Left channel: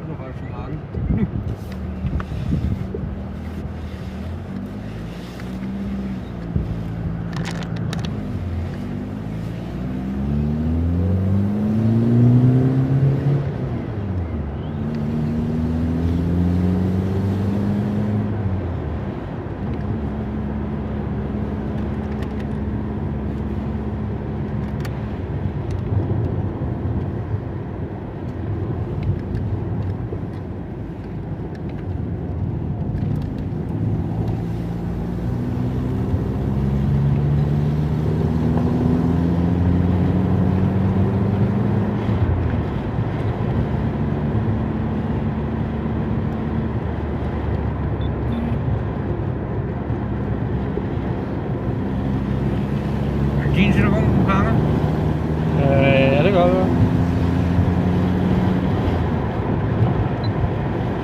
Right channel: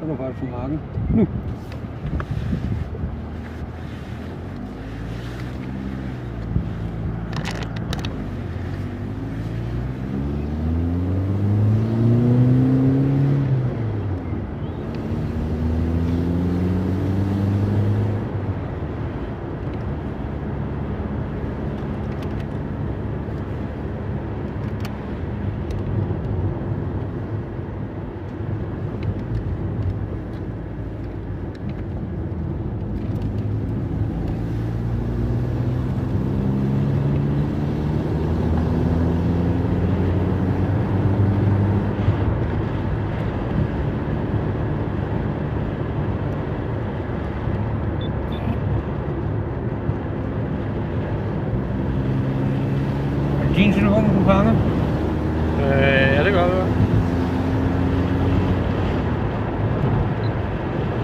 Så er der faktisk mange. Nu. Din telefon, du fanger? Ja, det gør det.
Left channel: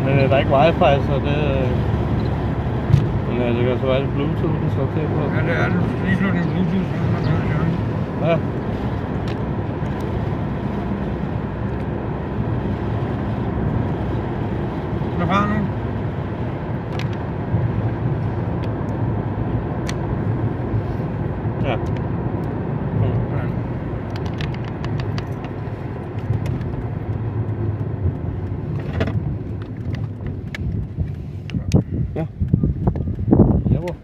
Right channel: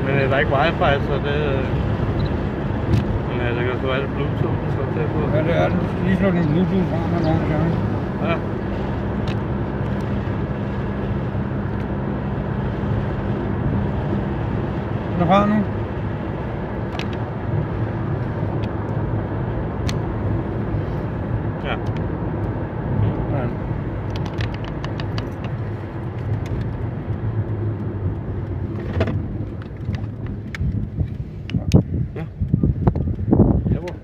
Men der er ikke wifi, så det... Men ja, det kan så være det Bluetooth, den står til på. Ja, det er det. Lige slå din Bluetooth fra, når der er der. Ja. Den er fra nu. Ja. Ja. Ja, hvor?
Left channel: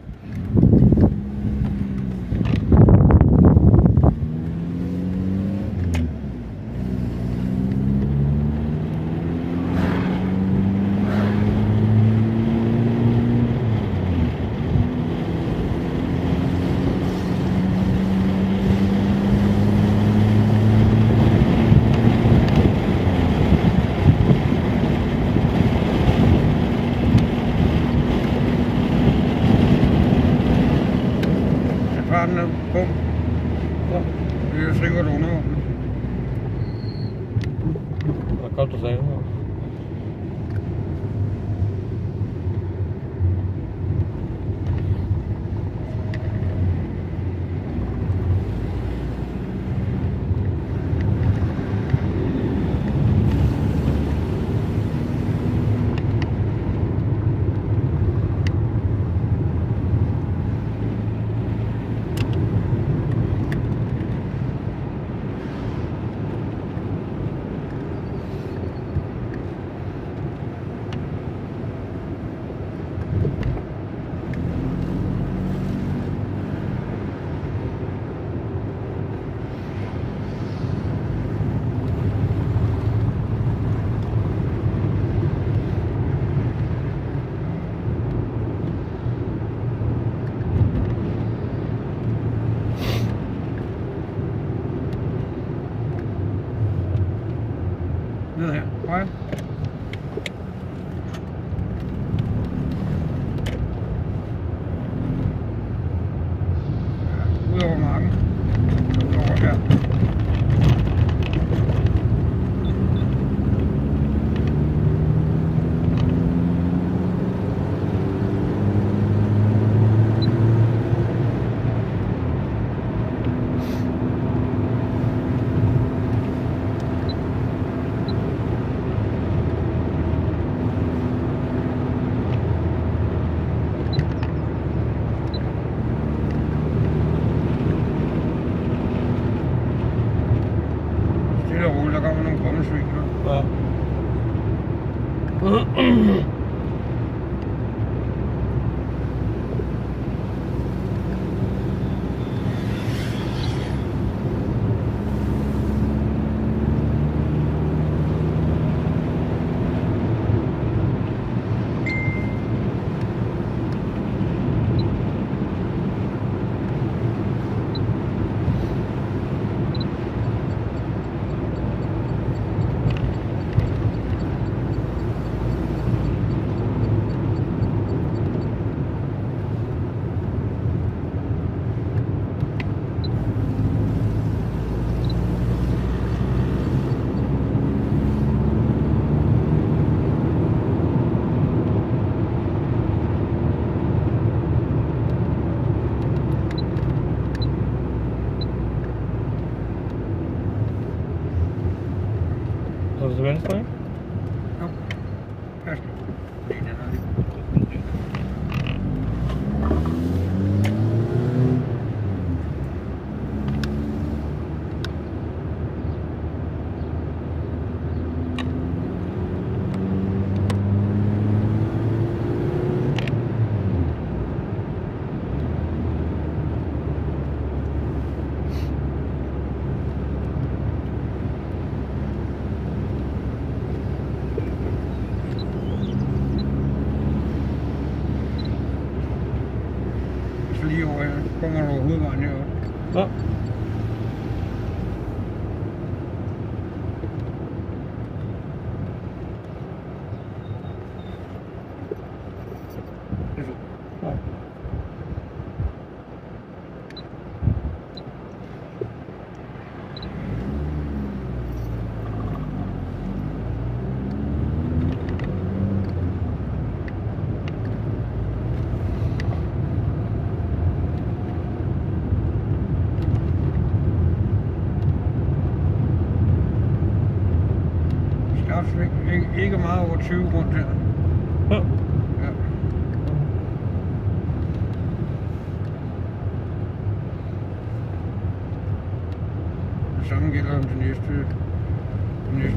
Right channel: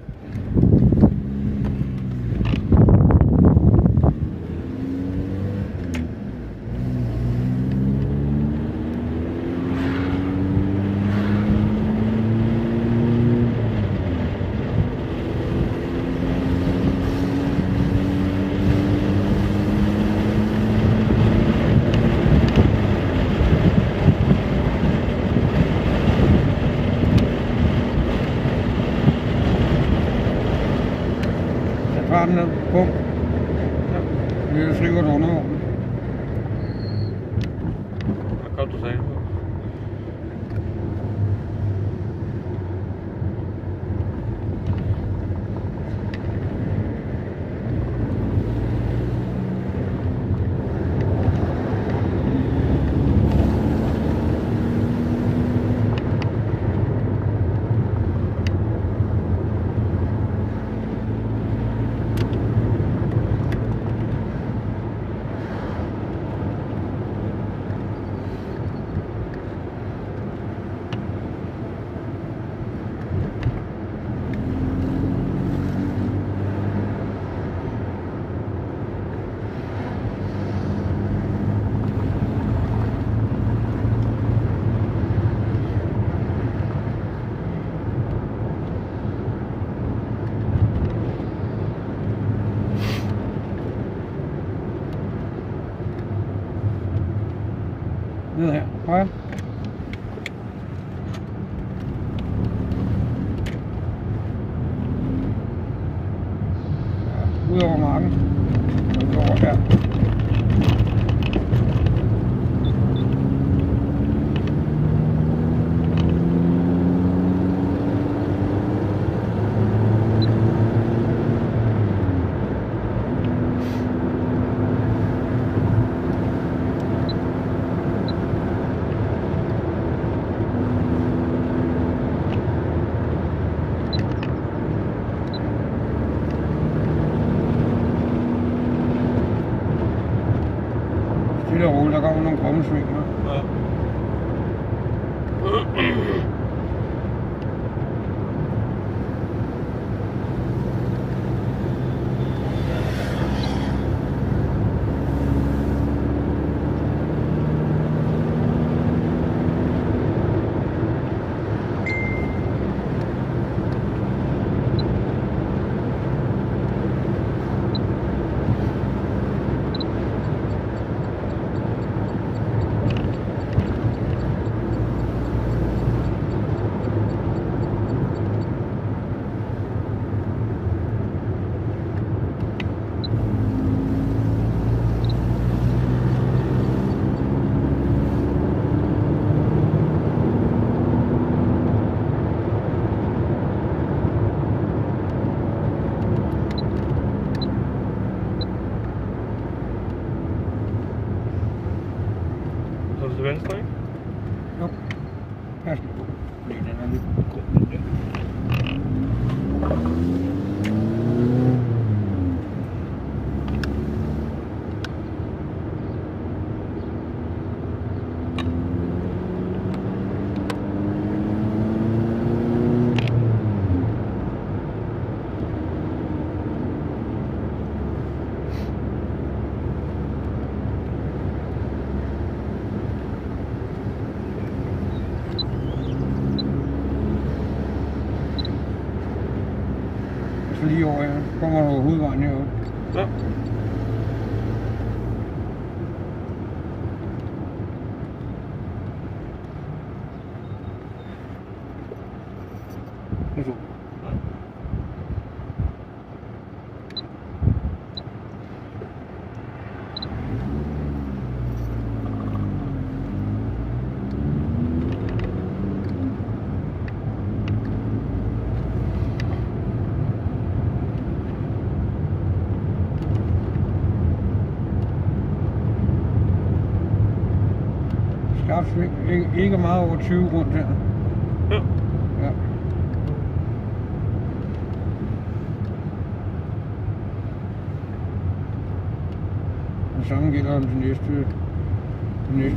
Far den ned på. Det er sikkert underordnet. Hvad kom du sagde? Ned her. Højre. Ja, ud over marken. Ud over her. Stille og roligt, der kommer nogle krommesvingler. Ja. Så er det til venstre, ikke? Jo. Pas lige på. Fordi den er lidt på. Så lige over her, kommer du hovedvejen heroppe. Ja. Det er så. Ja. Skarpsving, ikke meget over 20 rundt her. Ja. Ja. Det samme gælder den næste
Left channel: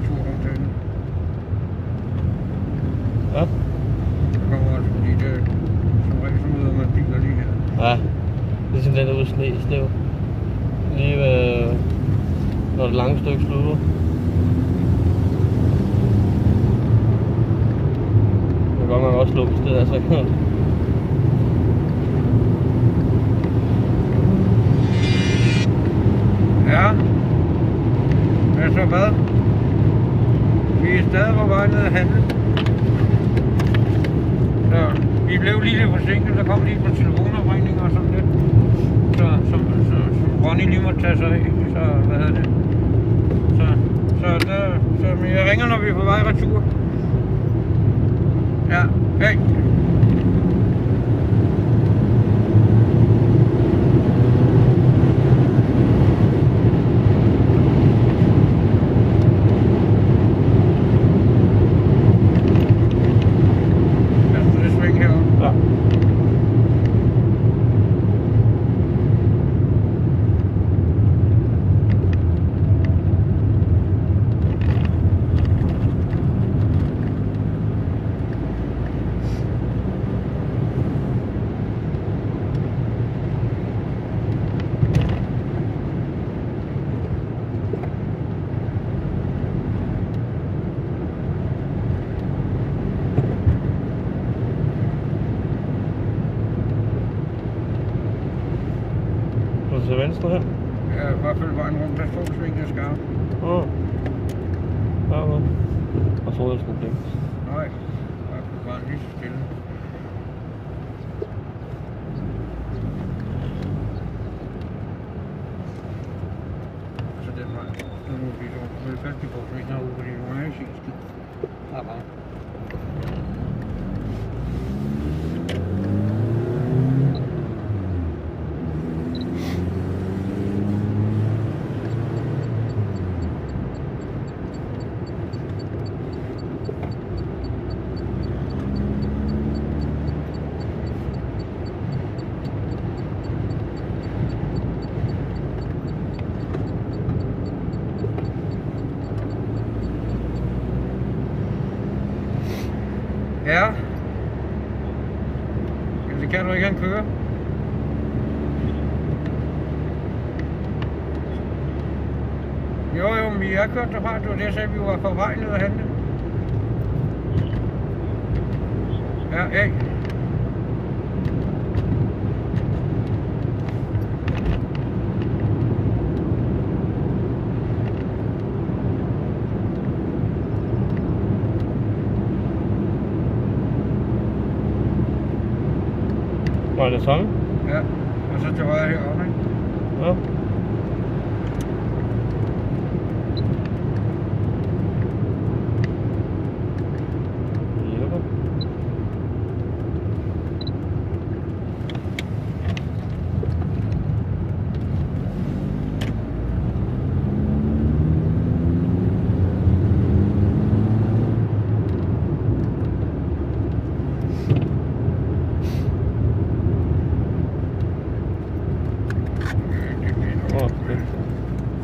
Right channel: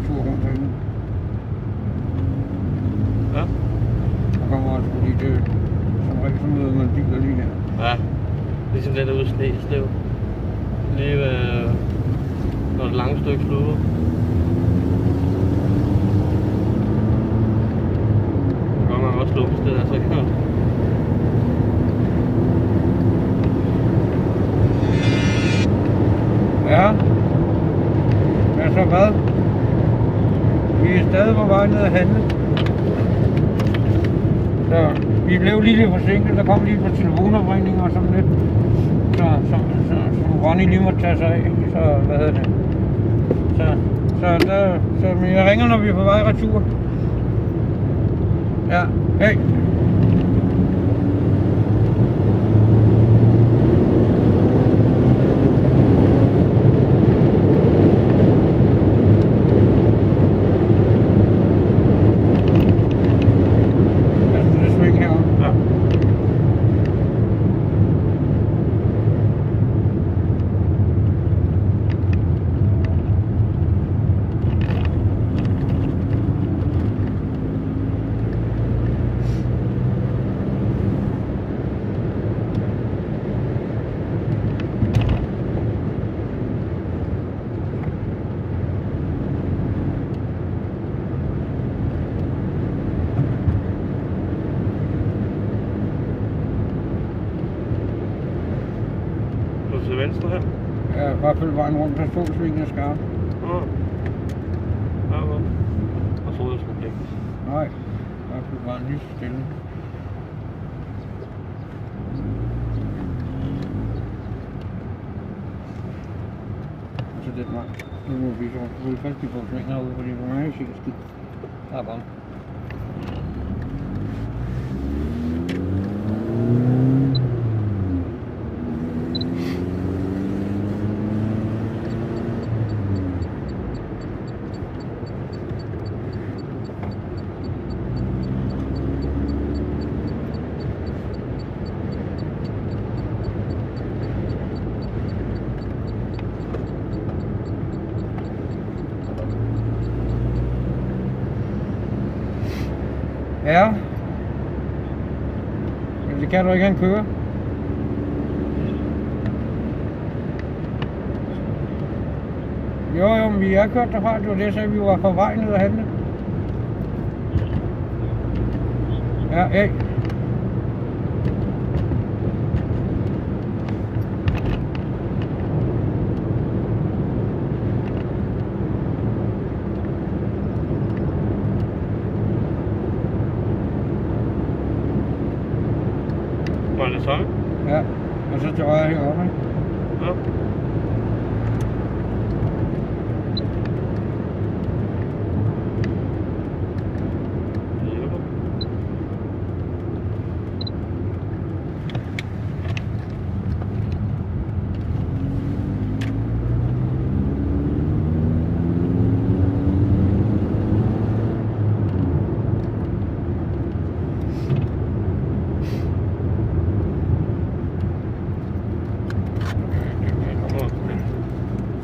tur rundt herinde. Ja. Der kommer altså, fordi det som regel så møder man biler lige her. Ja. Ligesom den der ude i Sneslev. Lige ved, når det lange stykke slutter. Det kan godt nok også lukkes det der, så ikke. Ja. Hvad så hvad? Vi er stadig på vej ned ad handel. Så vi blev lige lidt forsinket, der kom lige på telefonopringning og sådan lidt. Så Ronny lige måtte tage sig af. Så hvad hedder det? Så men jeg ringer, når vi er på vej retur. Ja, hej. Ja. Til venstre her? Ja, i hvert fald vejen rundt, der stod svingen er skarp. Ja. Ja, og så er det glemt. Nej, i hvert fald bare lige stille. Så den vej, nu må vi holde fast i vores sving herude, fordi det var meget sidste. Der er bare. Ja. Det kan du ikke han køre. Jo, men vi er kørt derfra. Det var det, jeg sagde, vi var på vej ned ad handle. Ja, hey. Var det sådan? Ja, og så til højre herovre, ikke? Ja. Åh, det.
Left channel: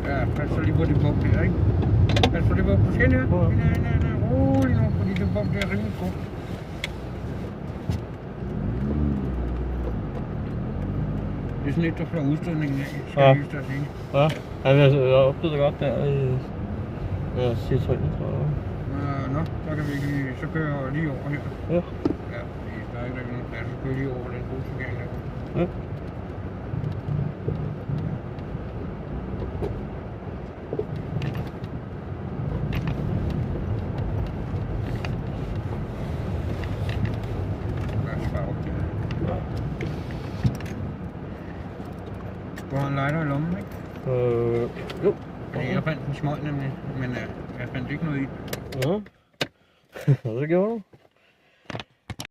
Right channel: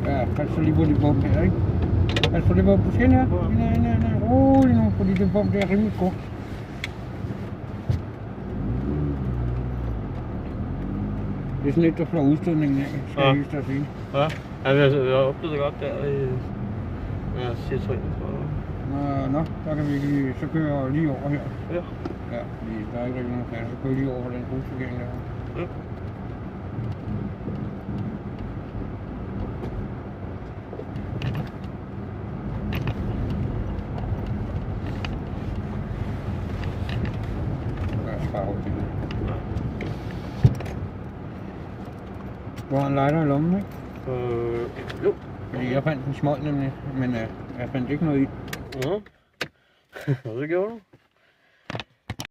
Ja, pas så lige på de bump der, ikke? Pas på det bump på skinner. Nej, rolig nu, fordi det bump der er rimelig god. Det er sådan lidt, der får udstødningen af, skal jeg lige at sige. Ja, jeg oplevede godt der i Citroën, tror jeg. Nå, så kan vi lige, så kører jeg lige over her. Ja. Ja, fordi der er ikke rigtig nogen plads, så kører jeg lige over den bussegang her. Ja. Du har en lighter i lommen, ikke? Jo. Fordi jeg fandt en smøg nemlig, men jeg fandt ikke noget i. Ja. Det gjorde du.